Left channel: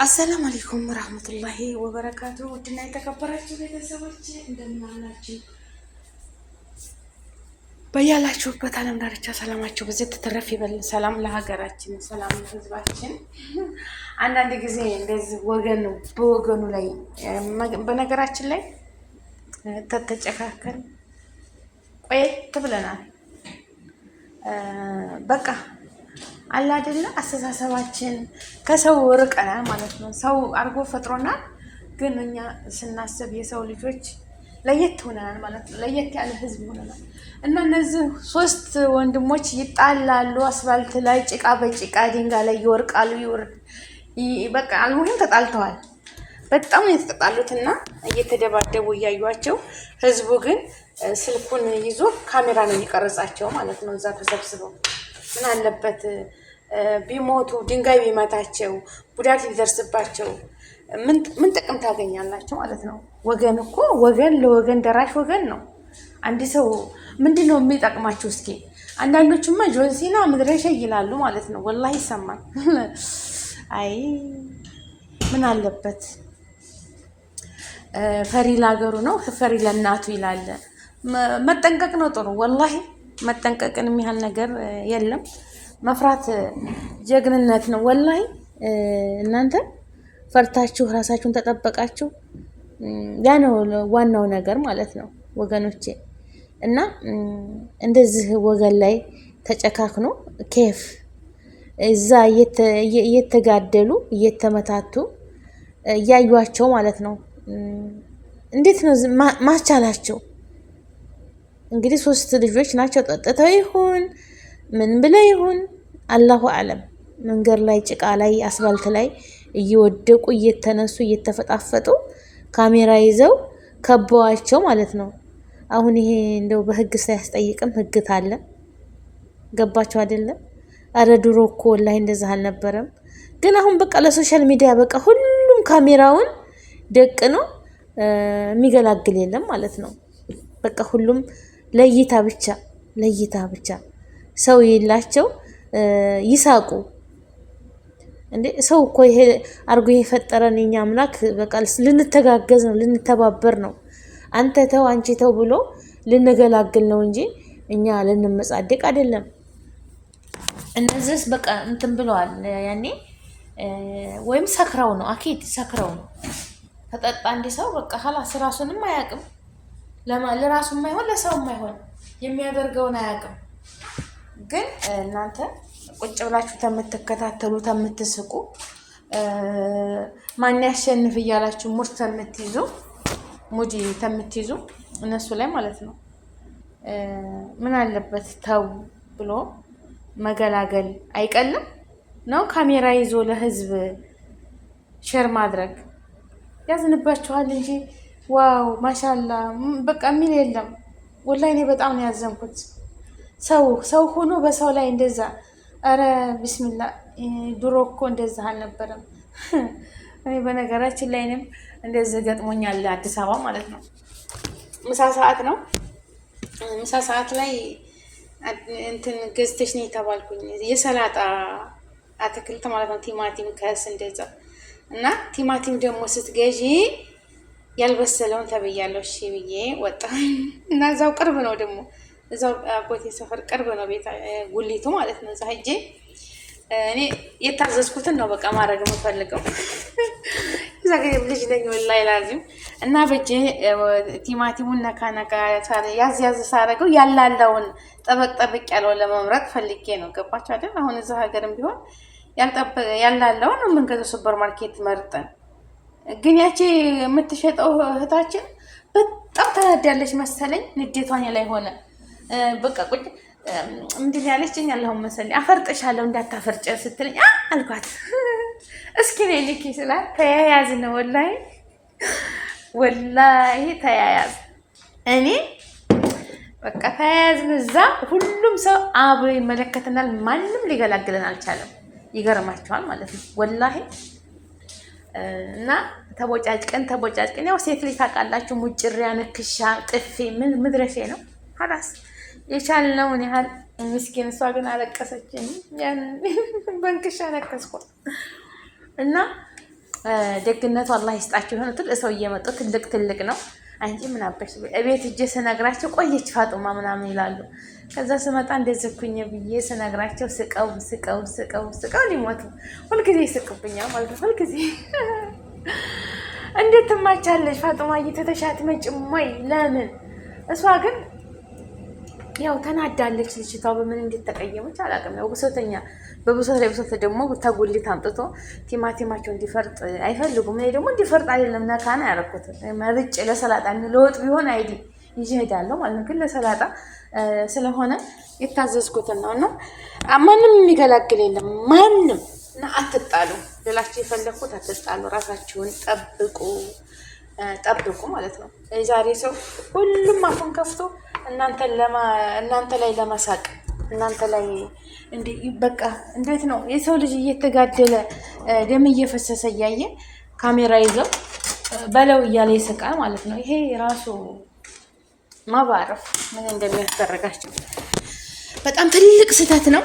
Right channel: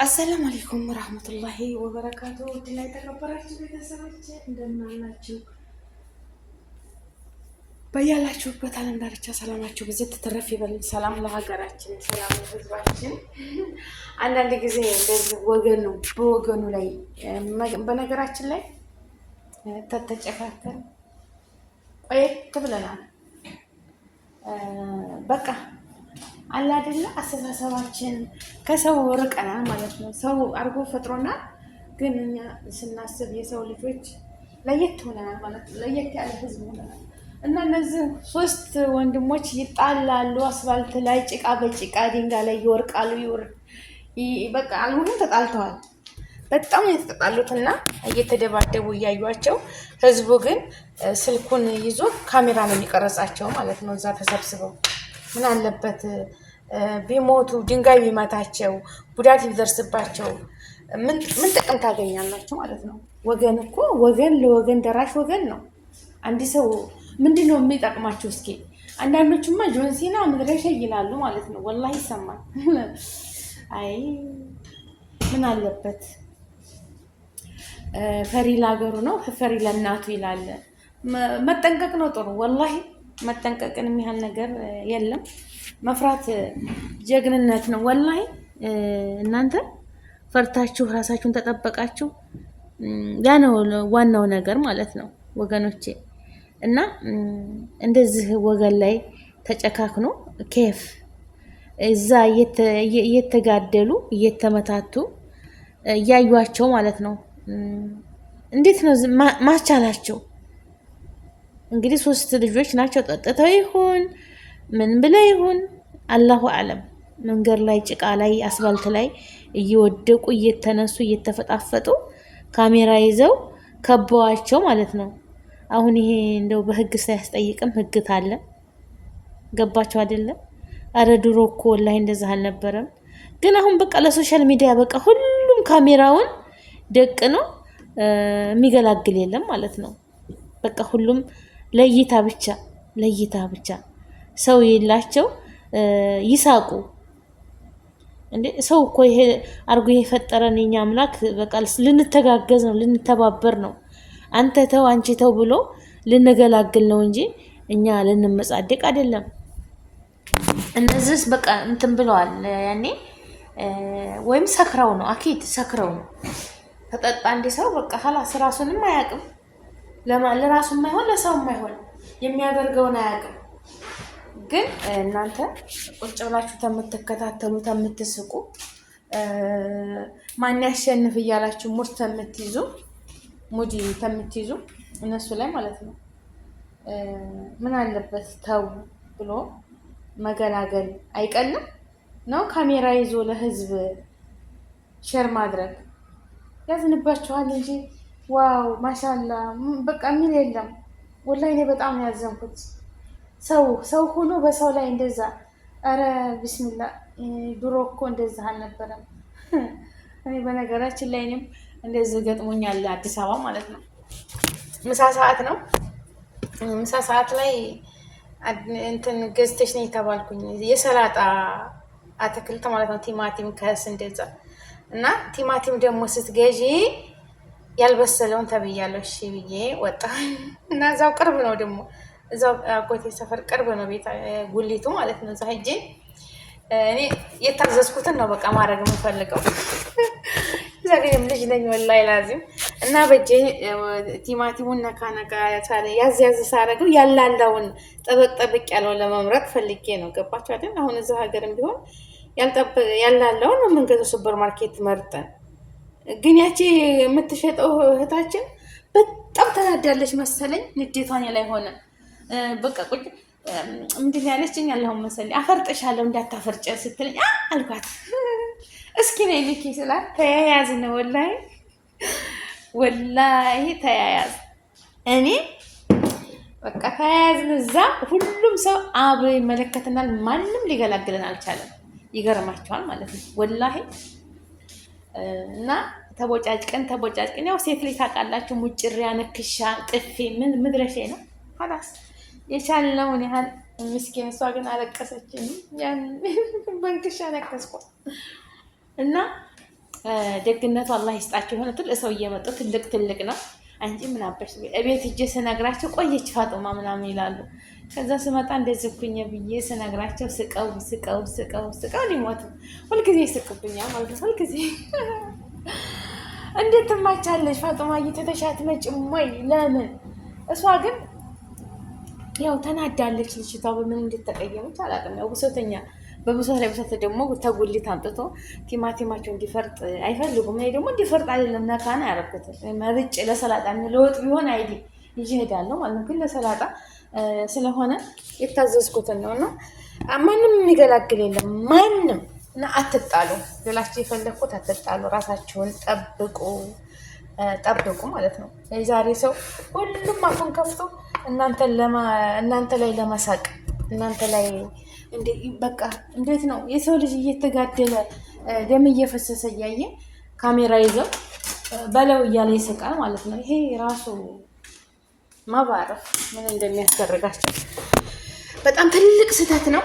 አሰላሙ አለይኩም ወራህመቱላሂ ወበረካቱ። ውድና የተከበራችሁ ቤተሰቦች እንደምን አላችሁ? በያላችሁበት ዓለም ዳርቻ ሰላማችሁ ብዙ ተተረፍ ይበል። ሰላም ለሀገራችን፣ ሰላም ለሕዝባችን። አንዳንድ ጊዜ እንደዚህ ወገን ነው በወገኑ ላይ በነገራችን ላይ ተተጨካከል ቆየት ብለናል። በቃ አለ አይደለ አስተሳሰባችን ከሰው ርቀናል ማለት ነው። ሰው አድርጎ ፈጥሮናል፣ ግን እኛ ስናስብ የሰው ልጆች ለየት ሆነናል ማለት ነው። ለየት ያለ ህዝብ ሆነናል እና እነዚህ ሶስት ወንድሞች ይጣላሉ። አስፋልት ላይ ጭቃ በጭቃ ድንጋይ ላይ ይወርቃሉ። በቃ አልሙሂም ተጣልተዋል። በጣም የተጣሉትና እየተደባደቡ እያዩቸው፣ ህዝቡ ግን ስልኩን ይዞ ካሜራ ነው የሚቀርጻቸው ማለት ነው። እዛ ተሰብስበው ምን አለበት ቢሞቱ ድንጋይ ቢመታቸው ጉዳት ቢደርስባቸው ምን ጥቅም ታገኛላችሁ ማለት ነው? ወገን እኮ ወገን ለወገን ደራሽ ወገን ነው። አንድ ሰው ምንድን ነው የሚጠቅማችሁ? እስኪ አንዳንዶቹማ ጆንሲና መድረሻ ይላሉ ማለት ነው። ወላሂ ይሰማል። አይ ምን አለበት ፈሪ ለሀገሩ ነው ፈሪ ለእናቱ ይላል። መጠንቀቅ ነው ጥሩ። ወላሂ መጠንቀቅን የሚያህል ነገር የለም። መፍራት ጀግንነት ነው። ወላሂ እናንተ ፈርታችሁ ራሳችሁን ተጠበቃችሁ፣ ያ ነው ዋናው ነገር ማለት ነው ወገኖቼ። እና እንደዚህ ወገን ላይ ተጨካክኖ ኬፍ እዛ እየተጋደሉ እየተመታቱ እያዩቸው ማለት ነው። እንዴት ነው ማስቻላቸው? እንግዲህ ሶስት ልጆች ናቸው። ጠጥተው ይሁን ምን ብለው ይሁን አላሁ አለም፣ መንገድ ላይ ጭቃ ላይ አስፋልት ላይ እየወደቁ እየተነሱ እየተፈጣፈጡ ካሜራ ይዘው ከበዋቸው ማለት ነው። አሁን ይሄ እንደው በህግ ሳያስጠይቅም ህግት አለ። ገባቸው አይደለም? አረ ድሮ እኮ ወላሂ እንደዛ አልነበረም። ግን አሁን በቃ ለሶሻል ሚዲያ በቃ ሁሉም ካሜራውን ደቅ ነው የሚገላግል የለም ማለት ነው። በቃ ሁሉም ለይታ ብቻ ሰው የላቸው ይሳቁ እንዴ። ሰው እኮ ይሄ አርጎ የፈጠረን የኛ አምላክ በቃ ልንተጋገዝ ነው፣ ልንተባበር ነው። አንተ ተው አንቺ ተው ብሎ ልንገላግል ነው እንጂ እኛ ልንመጻደቅ አይደለም። እነዚህስ በቃ እንትን ብለዋል ያኔ፣ ወይም ሰክረው ነው፣ አኪድ ሰክረው ነው። ተጠጣ እንደ ሰው በቃ ኸላስ ራሱንም አያውቅም። ለራሱ የማይሆን ለሰው የማይሆን የሚያደርገውን አያውቅም። ግን እናንተ ቁጭ ብላችሁ ተምትከታተሉ ተምትስቁ ማን ያሸንፍ እያላችሁ ሙድ ተምትይዙ እነሱ ላይ ማለት ነው። ምን አለበት ተው ብሎ መገላገል አይቀልም ነው። ካሜራ ይዞ ለህዝብ ሼር ማድረግ ያዝንባችኋል እንጂ ዋው ማሻላ በቃ የሚል የለም። ወላሂ እኔ በጣም ነው ያዘንኩት። ሰው ሆኖ በሰው ላይ እንደዛ፣ አረ ቢስሚላ። ድሮ እኮ እንደዛ አልነበረም። እኔ በነገራችን ላይ እኔም እንደዚህ ገጥሞኛል አዲስ አበባ ማለት ነው። ምሳ ሰዓት ነው። ምሳ ሰዓት ላይ እንትን ገዝተሽ ነው የተባልኩኝ፣ የሰላጣ አትክልት ማለት ነው። ቲማቲም እንደዛ እና ቲማቲም ደግሞ ስትገዢ ያልበሰለውን ተብያለሁ። እሺ ብዬ ወጣ እና እዛው ቅርብ ነው ደግሞ እዛው አጎቴ ሰፈር ቅርብ ነው ቤት ጉሊቱ ማለት ነው። እዛ ሂጄ እኔ የታዘዝኩትን ነው በቃ ማድረግ የምፈልገው። እዛ ግን ልጅ ነኝ ወላሂ ላዚም። እና በጄ ቲማቲሙን ነካ ያዝ ሳረገው ያላለውን ጠበቅ ያለው ለመምረጥ ፈልጌ ነው። ገባችሁ አይደል? አሁን እዛ ሀገርም ቢሆን ያላለውን ነው የምንገዛው ሱፐር ማርኬት መርጠን። ግን ያቺ የምትሸጠው እህታችን በጣም ተናዳለች መሰለኝ። ንዴቷን ላይ ሆነ በቃ ቁጭ ምንድን ያለችኝ አላሁ መሰለኝ አፈርጥሻለሁ እንዳታፈርጭ ስትለኝ አልኳት። እስኪ ነይ ልኪ ስላት ተያያዝ ነው ወላሂ ተያያዝ። እኔ በቃ ተያያዝን። እዛ ሁሉም ሰው አብሮ ይመለከተናል። ማንም ሊገላግለን አልቻለም። ይገርማቸዋል ማለት ነው ወላሂ። እና ተቦጫጭቀን ያው ሴት ልጅ ታውቃላችሁ፣ ሙጭሪያ ነክሻ ጥፊ ምን ምድረሼ ነው ሀላስ የቻልነውን ያህል። ምስኪን እሷ ግን አለቀሰችን። ያን በንክሻ ነከስኳት እና ደግነቱ አላህ ይስጣቸው። የሆነ ትልቅ ሰው እየመጡ ትልቅ ነው። አንቺ ምን አበሽ እቤት እጄ ስነግራቸው ቆየች ፋጡማ ምናምን ይላሉ። ከዛ ስመጣ እንደዘኩኝ ብዬ ስነግራቸው ስቀው ሊሞቱ ሁልጊዜ ይስቅብኛል ማለት ነው። ሁልጊዜ እንዴት ትማቻለሽ ፋጡማ እየተተሻት መጭም ወይ ለምን? እሷ ግን ያው ተናዳለች። ልጅቷ በምን እንድትቀየመች አላውቅም። ያው ብሶተኛ በብሶት ደግሞ ተጉሊት አምጥቶ ቲማቲማቸው እንዲፈርጥ አይፈልጉም። እኔ ደግሞ እንዲፈርጥ አይደለም ነካና ያረኩት መርጭ ለሰላጣ ለወጥ ቢሆን አይዲ ይዤ እሄዳለሁ ማለት ነው። ግን ለሰላጣ ስለሆነ የታዘዝኩትን ነው። እና ማንም የሚገላግል የለም ማንም። እና አትጣሉ ሌላችሁ የፈለኩት አትጣሉ፣ ራሳችሁን ጠብቁ ማለት ነው። የዛሬ ሰው ሁሉም አፉን ከፍቶ እናንተ ላይ ለመሳቅ እናንተ ላይ በቃ እንዴት ነው የሰው ልጅ እየተጋደለ ደም እየፈሰሰ እያየ ካሜራ ይዘው በለው እያለ ይስቃል ማለት ነው። ይሄ ራሱ ማባረፍ ምን እንደሚያስደርጋቸው በጣም ትልቅ ስህተት ነው።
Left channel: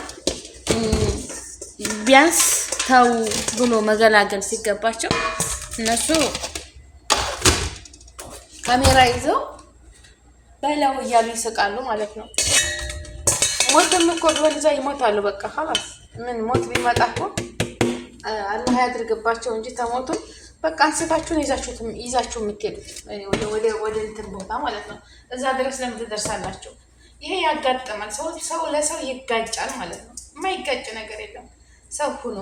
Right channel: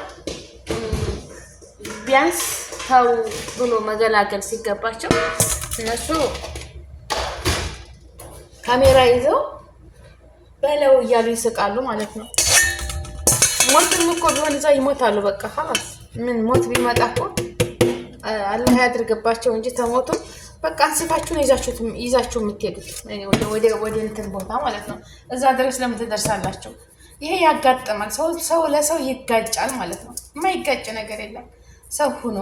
ቢያንስ ተው ብሎ መገላገል ሲገባቸው እነሱ ካሜራ ይዘው በለው እያሉ ይስቃሉ ማለት ነው። ሞትም እኮ ቢሆን እዛ ይሞታሉ። በቃ ኸላስ ምን ሞት ቢመጣ እኮ አላህ ያድርግባቸው እንጂ ተሞቱ በቃ አንስታችሁን ይዛችሁ የምትሄዱት ወደ እንትን ቦታ ማለት ነው። እዛ ድረስ ለምን ትደርሳላችሁ? ይሄ ያጋጥማል። ሰው ለሰው ይጋጫል ማለት ነው። የማይጋጭ ነገር የለም። ሰው ሁኖ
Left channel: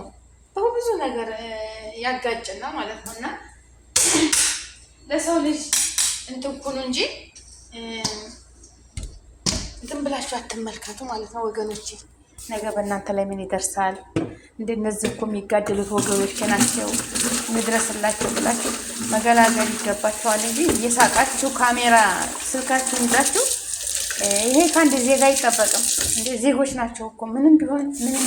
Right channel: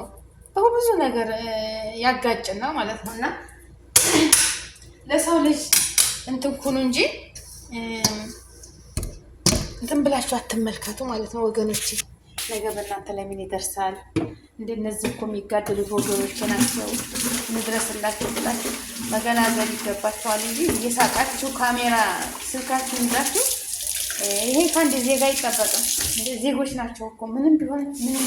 በብዙ ነገር ያጋጭና ማለት ነው። እና ለሰው ልጅ እንትን ኩኑ እንጂ እንትን ብላችሁ አትመልከቱ ማለት ነው ወገኖቼ። ነገ በእናንተ ላይ ምን ይደርሳል? እንደነዚህ እኮ የሚጋደሉት ወገኖቼ ናቸው። እንድረስላችሁ ብላችሁ መገላገል ይገባችኋል እንጂ እየሳቃችሁ ካሜራ ስልካችሁን ይዛችሁ ይሄ ከአንድ ዜጋ አይጠበቅም። እንደ ዜጎች ናቸው እኮ ምንም ቢሆን ምንም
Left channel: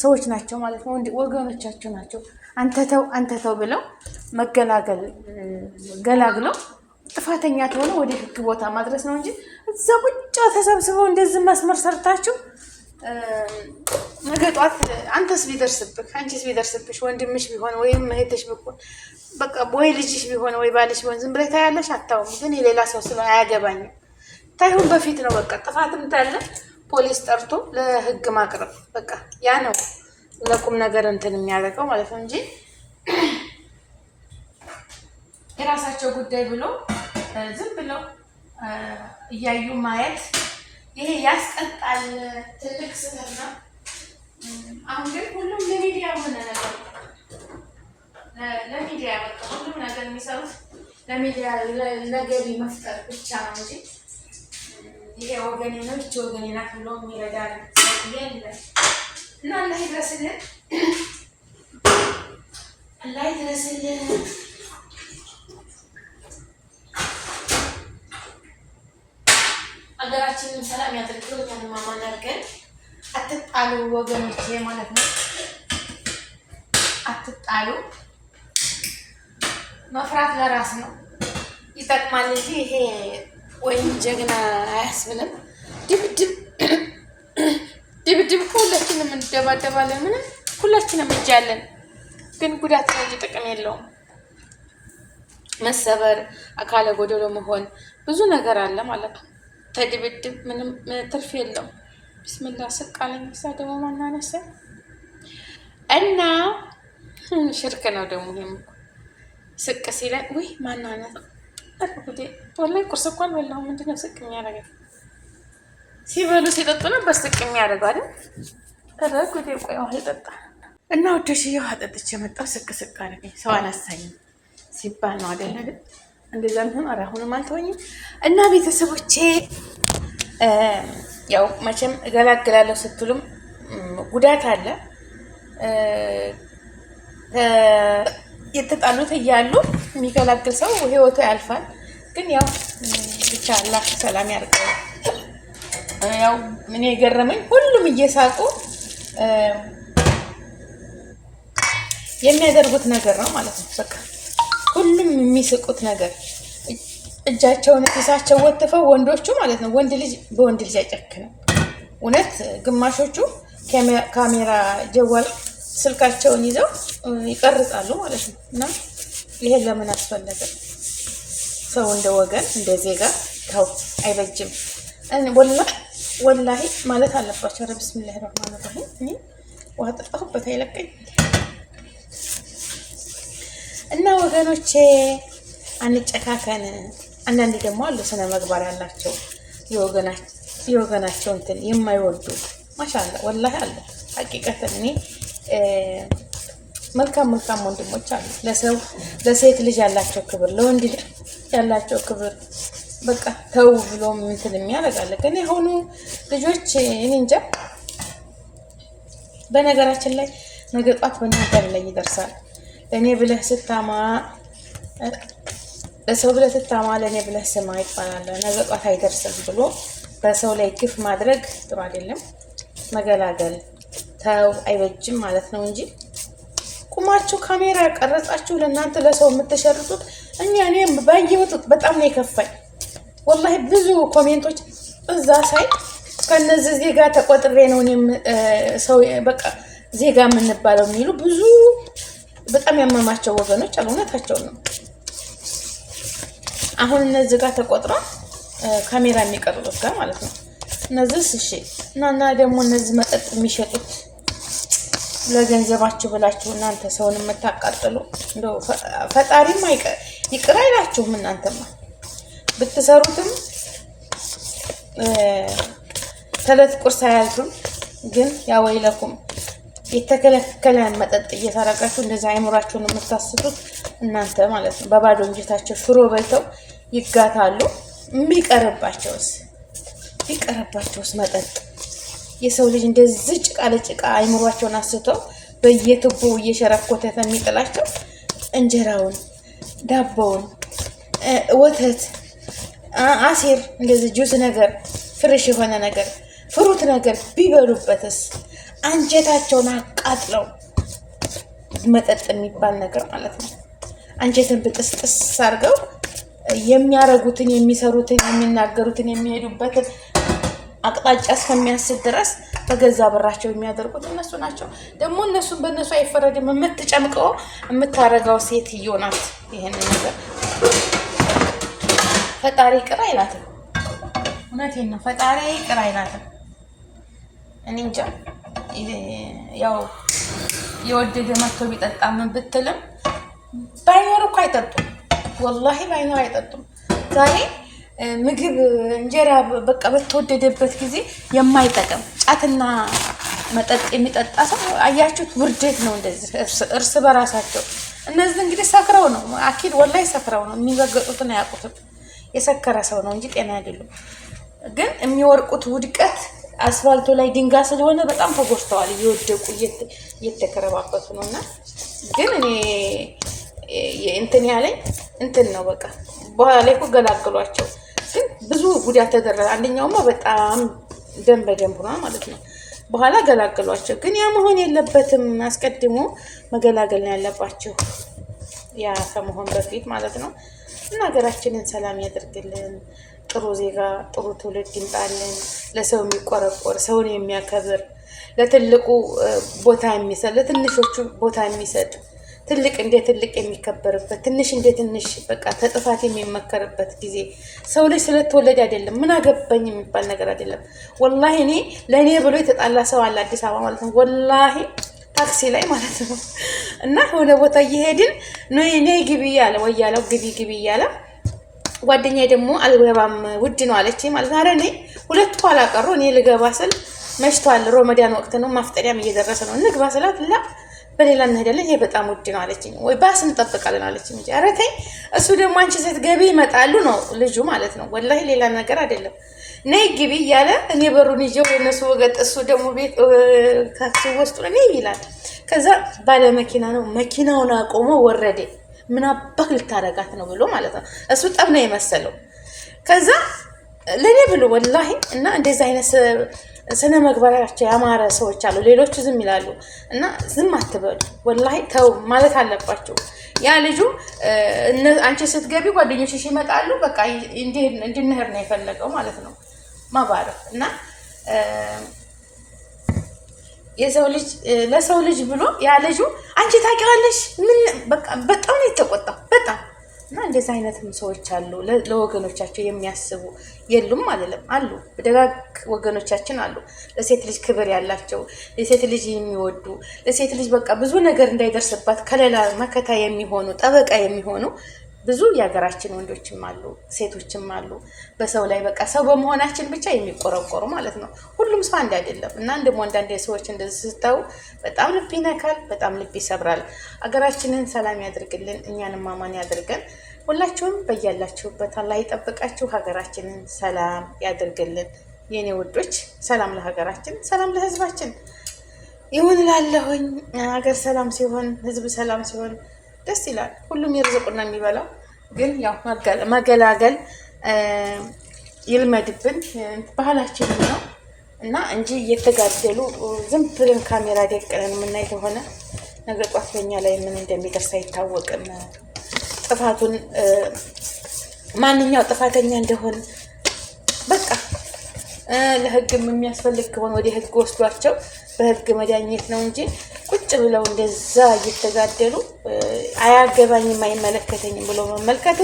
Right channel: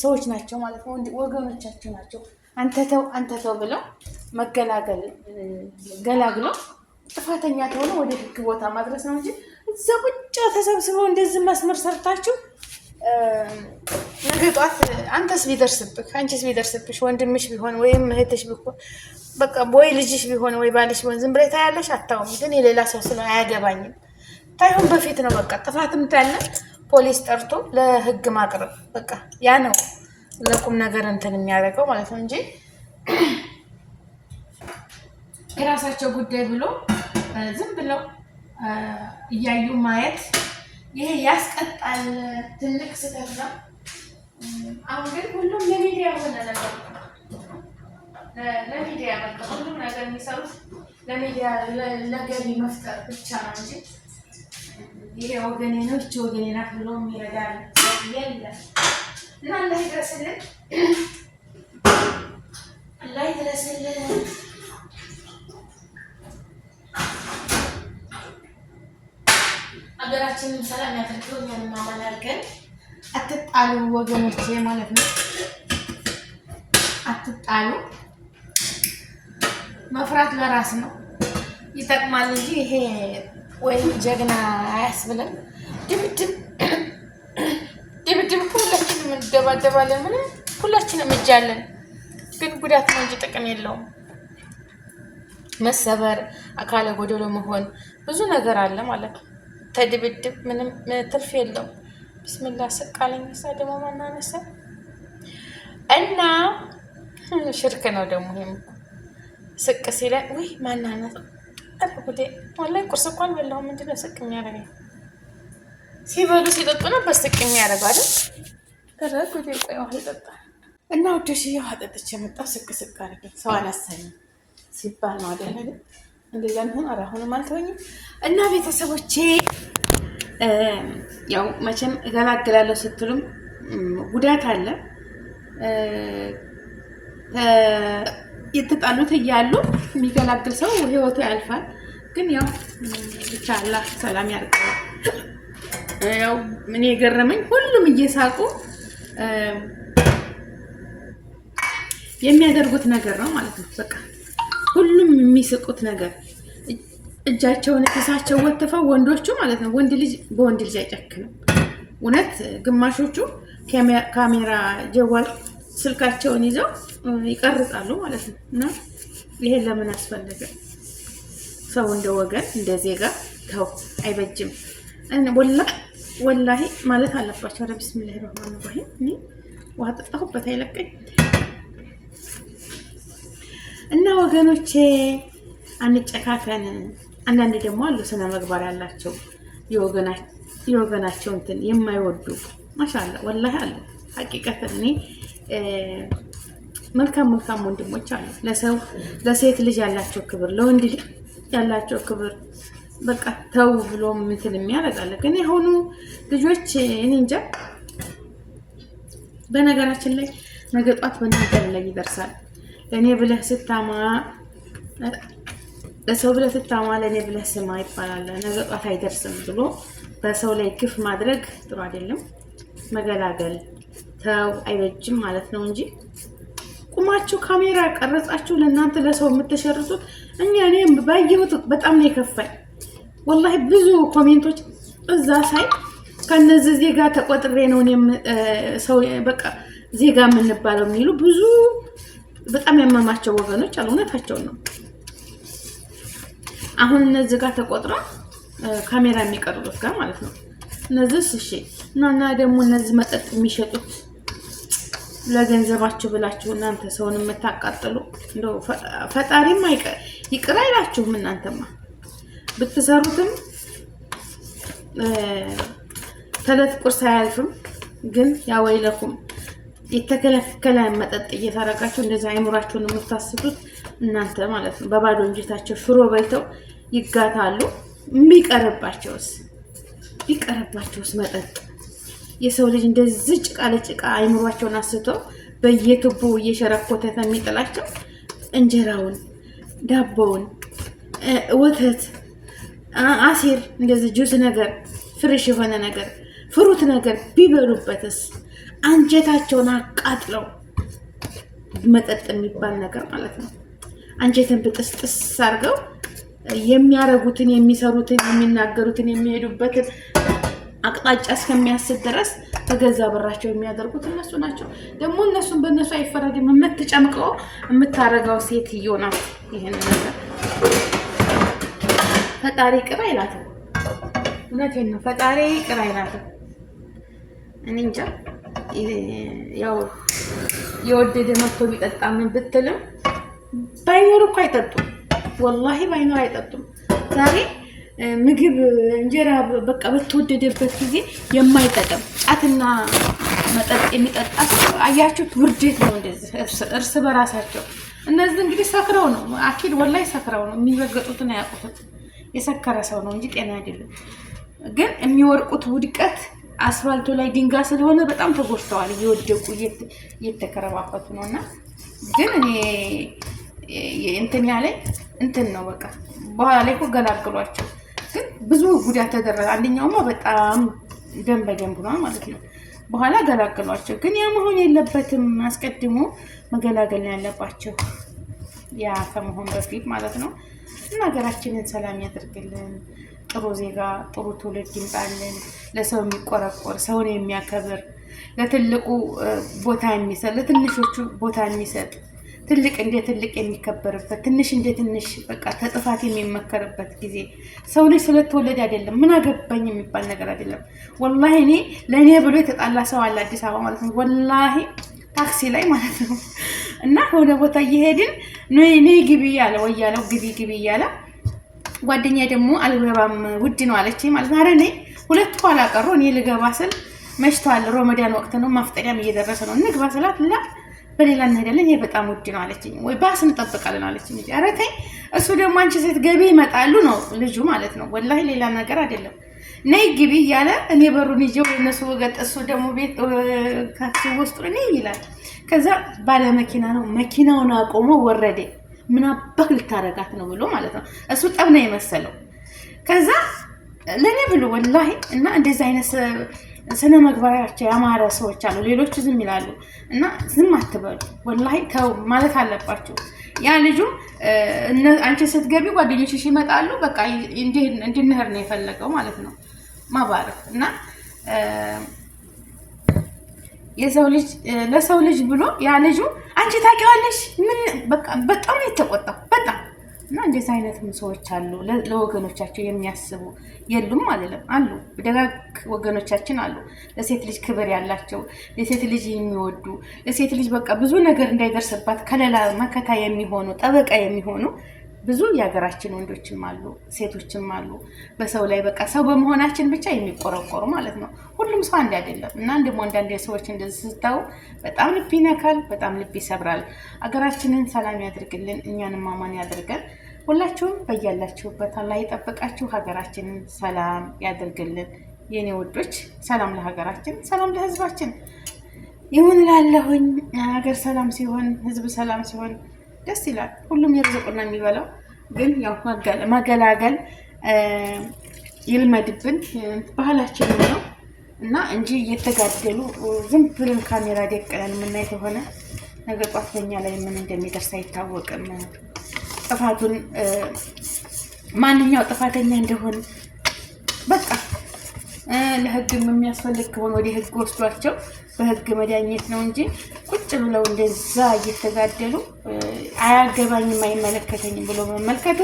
ሰዎች ናቸው ማለት ነው። ወገኖቻቸው ናቸው። አንተ ተው ብለው ገላግለው ጥፋተኛ ተሆነ ወደ ህግ ቦታ ማድረስ ነው እንጂ እዛ ቁጭ ተሰብስበው እንደዚህ መስመር ሰርታችሁ ነገ ጧት አንቺስ ቢደርስብሽ ወንድምሽ ቢሆን ወይም እህትሽ ቢሆን በቃ ወይ ልጅሽ ቢሆን ወይ ባልሽ ቢሆን ዝም ብለሽ ታያለሽ። አታውም ግን የሌላ ሰው ስለሆነ አያገባኝም ታይሁን በፊት ነው በቃ ጥፋትም ታለ ፖሊስ ጠርቶ ለህግ ማቅረብ በቃ ያ ነው ለቁም ነገር እንትን የሚያደርገው ማለት ነው እንጂ የራሳቸው ጉዳይ ብሎ ዝም ብለው እያዩ ማየት ይሄ ያስቀጣል። ትልቅ ስህተት ነው። አሁን ግን ሁሉም ለሚዲያ ሆነ ነገር ለሚዲያ በቃ ሁሉም ነገር የሚሰሩት ለሚዲያ ለገቢ መፍጠር ብቻ ነው እንጂ ይሄ ወገኔ ነው እቺ ወገኔ ናት ብሎ የሚረዳ የለም። እና አላህ ይድረስልን፣ አላህ ይድረስልን። ሀገራችንን ሰላም ያድርግልን። እኛንም አማን አድርገን። አትጣሉ ወገኖቼ ማለት ነው። አትጣሉ። መፍራት ለራስ ነው ይጠቅማል እንጂ ይሄ ወይም ጀግና አያስብልም። ድብድብ ሁላችንም እንደባደባለን። ምንም ሁላችንም እጃለን፣ ግን ጉዳት ነው እንጂ ጥቅም የለውም። መሰበር፣ አካለ ጎደሎ መሆን ብዙ ነገር አለ ማለት ነው። ተድብድብ ምንም ትርፍ የለውም። ቢስሚላህ ስቃለኝ ሳ ደግሞ ማን አነሳ እና ሽርክ ነው ደግሞ ይሄም ስቅ ሲለኝ ወይ ማን አነሳ አልኩት። ወላሂ ቁርስ እኮ አልበላሁም። ምንድነው ስቅ የሚያደርገኝ? ሲበሉ ሲጠጡ ነበር ስቅ የሚያደርገው አይደል? አልኩት። ቆይ ውሃ ይጠጣ እና ወደሽ ውሃ ጠጥቼ መጣሁ። ስቅ አደረገኝ። ሰው አላሳኝም ሲባል ነው አይደል? እንደዛ ነው። አሁንም አልተወኝም እና ቤተሰቦቼ ያው መቼም እገላግላለሁ ስትሉም ጉዳት አለ። የተጣሉት እያሉ የሚገላግል ሰው ህይወቱ ያልፋል። ግን ያው ብቻ አላህ ሰላም ያርቀው። ያው ምን የገረመኝ ሁሉም እየሳቁ የሚያደርጉት ነገር ነው ማለት ነው። በቃ ሁሉም የሚስቁት ነገር እጃቸውን ኪሳቸው ወጥፈው ወንዶቹ ማለት ነው። ወንድ ልጅ በወንድ ልጅ አይጨክንም። እውነት ግማሾቹ ካሜራ ጀዋል ስልካቸውን ይዘው ይቀርጻሉ ማለት ነው። እና ይሄን ለምን አስፈለገ? ሰው እንደ ወገን እንደ ዜጋ ተው፣ አይበጅም። ወላሂ ማለት አለባቸው። ኧረ ቢስሚላሂ ረህማን ረሂም። እኔ ውሃ ጠጣሁበት አይለቀኝ። እና ወገኖቼ አንጨካከን። አንዳንድ ደግሞ አሉ ስነ ምግባር ያላቸው የወገናቸው እንትን የማይወዱ ማሻአላ ወላሂ አሉ። ሀቂቀተን እኔ መልካም ወንድሞች አሉ። ለሴት ልጅ ያላቸው ክብር፣ ለወንድ ልጅ ያላቸው ክብር በቃ ተው ብሎ እንትን የሚያደርጋለ። ግን የሆኑ ልጆች እኔ እንጃ። በነገራችን ላይ ነገ ጧት በእናንተ ላይ ይደርሳል። ለእኔ ብለህ ስታማ ለሰው ብለህ ትታማ ለእኔ ብለህ ስማ ይባላል። ነገ ጧት አይደርስም ብሎ በሰው ላይ ግፍ ማድረግ ጥሩ አይደለም። መገላገል ተው አይበጅም ማለት ነው እንጂ ቁማችሁ ካሜራ ቀረጻችሁ ለእናንተ ለሰው የምትሸርጡት እኔ ባየሁት በጣም ነው የከፋኝ። ወላሂ ብዙ ኮሜንቶች እዛ ሳይ ከነዚህ ዜጋ ተቆጥሬ ነው እኔም ሰው በቃ ዜጋ የምንባለው የሚሉ ብዙ በጣም ያመማቸው ወገኖች አሉ። እውነታቸውን ነው። አሁን እነዚህ ጋር ተቆጥራ ካሜራ የሚቀርጹት ጋር ማለት ነው። እነዚህ እሺ እና ደግሞ እነዚህ መጠጥ የሚሸጡት ለገንዘባችሁ ብላችሁ እናንተ ሰውን የምታቃጥሉ እንደው ፈጣሪም ይቅር አይላችሁም። እናንተማ ብትሰሩትም ተለት ቁርስ አያልፍም። ግን ያወይለኩም የተከለከለ መጠጥ እየተረጋችሁ እንደዛ አይምራችሁን የምታስቱት እናንተ ማለት ነው። በባዶ እንጀታቸው ሽሮ በልተው ይጋታሉ። ቢቀርባቸውስ መጠጥ የሰው ልጅ እንደዚህ ጭቃ ለጭቃ አይምሯቸውን አስተው በየቱቦ እየሸረኮተ የሚጥላቸው እንጀራውን፣ ዳቦውን፣ ወተት፣ አሲር እንደዚህ ጁስ ነገር ፍሬሽ የሆነ ነገር ፍሩት ነገር ቢበሉበትስ አንጀታቸውን አቃጥለው መጠጥ የሚባል ነገር ማለት ነው። አንጀትን ብጥስጥስ አድርገው የሚያረጉትን የሚሰሩትን የሚናገሩትን የሚሄዱበትን አቅጣጫ እስከሚያስብ ድረስ በገዛ ብራቸው የሚያደርጉት እነሱ ናቸው። ደግሞ እነሱን በእነሱ አይፈረድም። የምትጨምቀው የምታረጋው ሴትዮ ናት። ይሄን ነገር ፈጣሪ ቅር አይላትም። እውነቴን ነው። ፈጣሪ ቅር አይላትም። እኔ እንጃ ያው የወደደ መጥቶ ቢጠጣ ምን ብትልም ባይኖር እኮ አይጠጡም። ወላሂ ባይኖር አይጠጡም። ዛሬ ምግብ እንጀራ በቃ በተወደደበት ጊዜ የማይጠቀም ጫትና መጠጥ የሚጠጣ ሰው አያችሁት? ውርደት ነው እንደዚህ እርስ በራሳቸው። እነዚህ እንግዲህ ሰክረው ነው አኪድ ወላሂ ሰክረው ነው የሚረገጡትን አያውቁትም። የሰከረ ሰው ነው እንጂ ጤና አይደሉም። ግን የሚወርቁት ውድቀት አስፋልቱ ላይ ድንጋይ ስለሆነ በጣም ተጎድተዋል። እየወደቁ እየተከረባበቱ ነውና ግን እኔ እንትን ያለኝ እንትን ነው በቃ በኋላ ላይ እኮ ገላግሏቸው። ግን ብዙ ጉዳት ተደረገ። አንደኛውማ በጣም ደም በደም ሆኗል ማለት ነው። በኋላ ገላግሏቸው። ግን ያ መሆን የለበትም። አስቀድሞ መገላገል ነው ያለባቸው ያ ከመሆን በፊት ማለት ነው። እና ሀገራችንን ሰላም ያደርግልን። ጥሩ ዜጋ ጥሩ ትውልድ ይምጣልን። ለሰው የሚቆረቆር ሰውን የሚያከብር ለትልቁ ቦታ የሚሰጥ ለትንሾቹ ቦታ የሚሰጥ ትልቅ እንደ ትልቅ የሚከበርበት ትንሽ እንደ ትንሽ በቃ ተጥፋት የሚመከርበት ጊዜ ሰው ልጅ ስለተወለደ አይደለም ምን አገባኝ የሚባል ነገር አይደለም። ወላሂ እኔ ለእኔ ብሎ የተጣላ ሰው አለ አዲስ አበባ ማለት ነው። ወላሂ ታክሲ ላይ ማለት ነው። እና የሆነ ቦታ እየሄድን ነይ ግቢ እያለ ወያለው ግቢ እያለ ጓደኛዬ ደግሞ አልገባም ውድ ነው አለችኝ ማለት ነው። ኧረ እኔ ሁለት ኋላ ቀሩ። እኔ ልገባ ስል መሽቷል፣ ሮመዳን ወቅት ነው፣ ማፍጠሪያም እየደረሰ ነው። እንግባ ስላት ላ በሌላ እንሄዳለን ይሄ በጣም ውድ ነው አለችኝ። ወይ ባስ እንጠብቃለን አለችኝ። ኧረ ተይ እሱ ደግሞ አንቺ ስትገቢ ይመጣሉ ነው ልጁ ማለት ነው። ወላሂ ሌላ ነገር አይደለም። ነይ ግቢ እያለ እኔ በሩን ይዤው ለነሱ ወገጥ እሱ ደግሞ ቤት ታክሲ ውስጥ ነኝ ይላል። ከዛ ባለ መኪና ነው መኪናውን አቆሞ ወረደ። ምን አባክ ልታረጋት ነው ብሎ ማለት ነው። እሱ ጠብ ነው የመሰለው። ከዛ ለኔ ብሎ ወላሂ እና እንደዚህ አይነት ስነ ምግባራቸው ያማረ ሰዎች አሉ። ሌሎቹ ዝም ይላሉ። እና ዝም አትበሉ ወላሂ ተው ማለት አለባቸው። ያ ልጁ አንቺ ስትገቢ ጓደኞችሽ ይመጣሉ በቃ እንድንሄድ ነው የፈለገው ማለት ነው። ማባረክ እና የሰው ልጅ ለሰው ልጅ ብሎ ያ ልጁ አንቺ ታውቂዋለሽ ምን በቃ በጣም ነው የተቆጣው በጣም እና እንደዚህ አይነትም ሰዎች አሉ ለወገኖቻቸው የሚያስቡ የሉም አይደለም አሉ ደጋግ ወገኖቻችን አሉ ለሴት ልጅ ክብር ያላቸው ለሴት ልጅ የሚወዱ ለሴት ልጅ በቃ ብዙ ነገር እንዳይደርስባት ከሌላ መከታ የሚሆኑ ጠበቃ የሚሆኑ ብዙ የሀገራችን ወንዶችም አሉ ሴቶችም አሉ በሰው ላይ በቃ ሰው በመሆናችን ብቻ የሚቆረቆሩ ማለት ነው ሁሉም ሰው አንድ አይደለም እና እንደሞ አንዳንድ ሰዎች እንደዚህ ስታው በጣም ልብ ይነካል በጣም ልብ ይሰብራል ሀገራችንን ሰላም ያድርግልን እኛንም አማን ያድርገን ሁላችሁም በያላችሁበት አላህ ይጠብቃችሁ ሀገራችንን ሰላም ያድርግልን የኔ ወዶች ሰላም ለሀገራችን ሰላም ለህዝባችን ይሁን ላለሁኝ ሀገር ሰላም ሲሆን ህዝብ ሰላም ሲሆን ደስ ይላል ሁሉም የርዝቁና የሚበላው ግን ያው መገላገል ይልመድብን ባህላችን ነው እና እንጂ እየተጋደሉ ዝም ብለን ካሜራ ደቀነን የምናይ ከሆነ ነገ ጧት በኛ ላይ ምን እንደሚደርስ አይታወቅም ጥፋቱን ማንኛው ጥፋተኛ እንደሆነ በቃ ለህግም የሚያስፈልግ ከሆነ ወደ ህግ ወስዷቸው በህግ መዳኘት ነው እንጂ ቁጭ ብለው እንደዛ እየተጋደሉ አያገባኝም አይመለከተኝም ብሎ መመልከቱ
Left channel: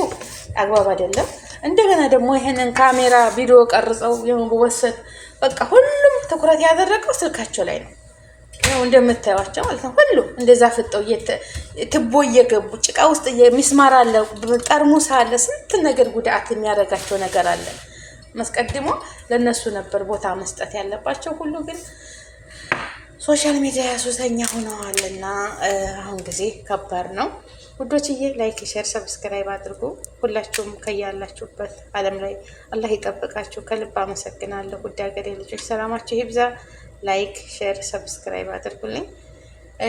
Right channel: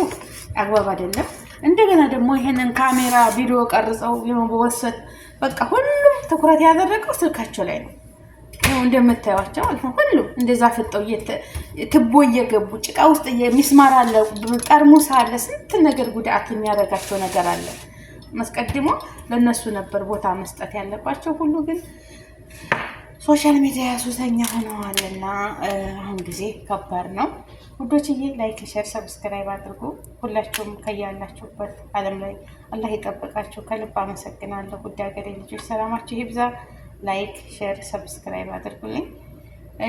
አግባብ አይደለም እንደገና ደግሞ ይሄንን ካሜራ ቪዲዮ ቀርጸው የመወሰድ በቃ ሁሉም ትኩረት ያደረገው ስልካቸው ላይ ነው እንደምታዩዋቸው ማለት ነው ሁሉም እንደዛ ፍጠው ትቦ እየገቡ ጭቃ ውስጥ የሚስማር አለ ጠርሙስ አለ ስንት ነገር ጉዳት የሚያደርጋቸው ነገር አለ መስቀድሞ ለነሱ ነበር ቦታ መስጠት ያለባቸው ሁሉ ግን ሶሻል ሚዲያ ሱሰኛ ሆነዋልና አሁን ጊዜ ከባድ ነው ውዶችዬ ላይክ ሼር ሰብስክራይብ አድርጉ ሁላችሁም ከያላችሁበት ዓለም ላይ አላህ ይጠብቃችሁ ከልብ አመሰግናለሁ ውድ ሀገሬ ልጆች ሰላማችሁ ይብዛ ላይክ ሼር ሰብስክራይብ አድርጉልኝ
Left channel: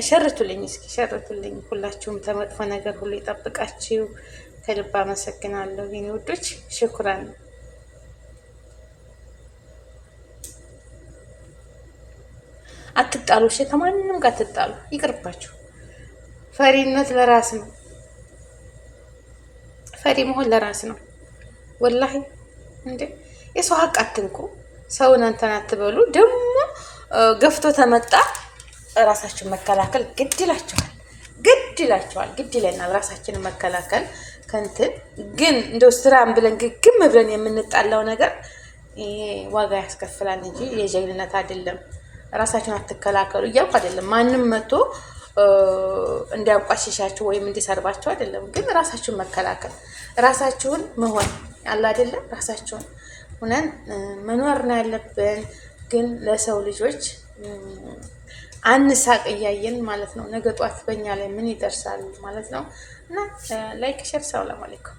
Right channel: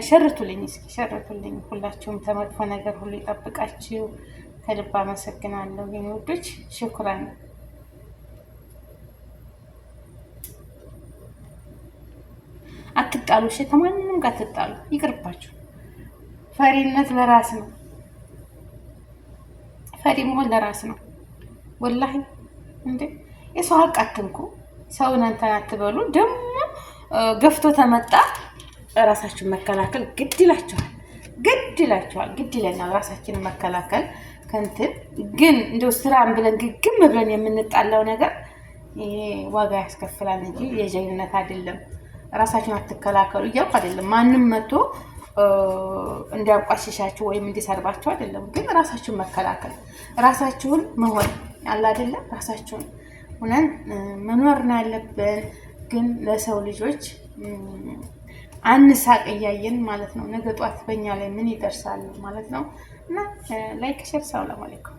ሸርቱልኝ እስኪ ሸርቱልኝ ሁላችሁም ተመጥፎ ነገር ሁሉ ይጠብቃችሁ ከልብ አመሰግናለሁ የኔ ውዶች ሽኩራን አትጣሉ እሺ ከማንንም ጋር አትጣሉ ይቅርባችሁ ፈሪነት ለራስ ነው ፈሪ መሆን ለራስ ነው ወላሂ እንዴ የሰው ሀቅ አትንኩ ሰውን እንትን አትበሉ ደግሞ ገፍቶ ተመጣ ራሳችሁን መከላከል ግድ ይለናል ራሳችንን መከላከል ከንትን ግን እንደው ስራን ብለን ግግም ብለን የምንጣላው ነገር ዋጋ ያስከፍላል እንጂ የጀግንነት አይደለም ራሳችሁን አትከላከሉ እያልኩ አይደለም ማንም መጥቶ እንዲያቋሽሻችሁ ወይም እንዲሰርባችሁ አይደለም ግን ራሳችሁን መከላከል ራሳችሁን መሆን አለ አይደለም ራሳችሁን ሆነን መኖር ነው ያለብን ግን ለሰው ልጆች አንሳቅ እያየን ማለት ነው ነገ ጧት በእኛ ላይ ምን ይደርሳል ማለት ነው እና ላይክ ሼር ሰላም አለይኩም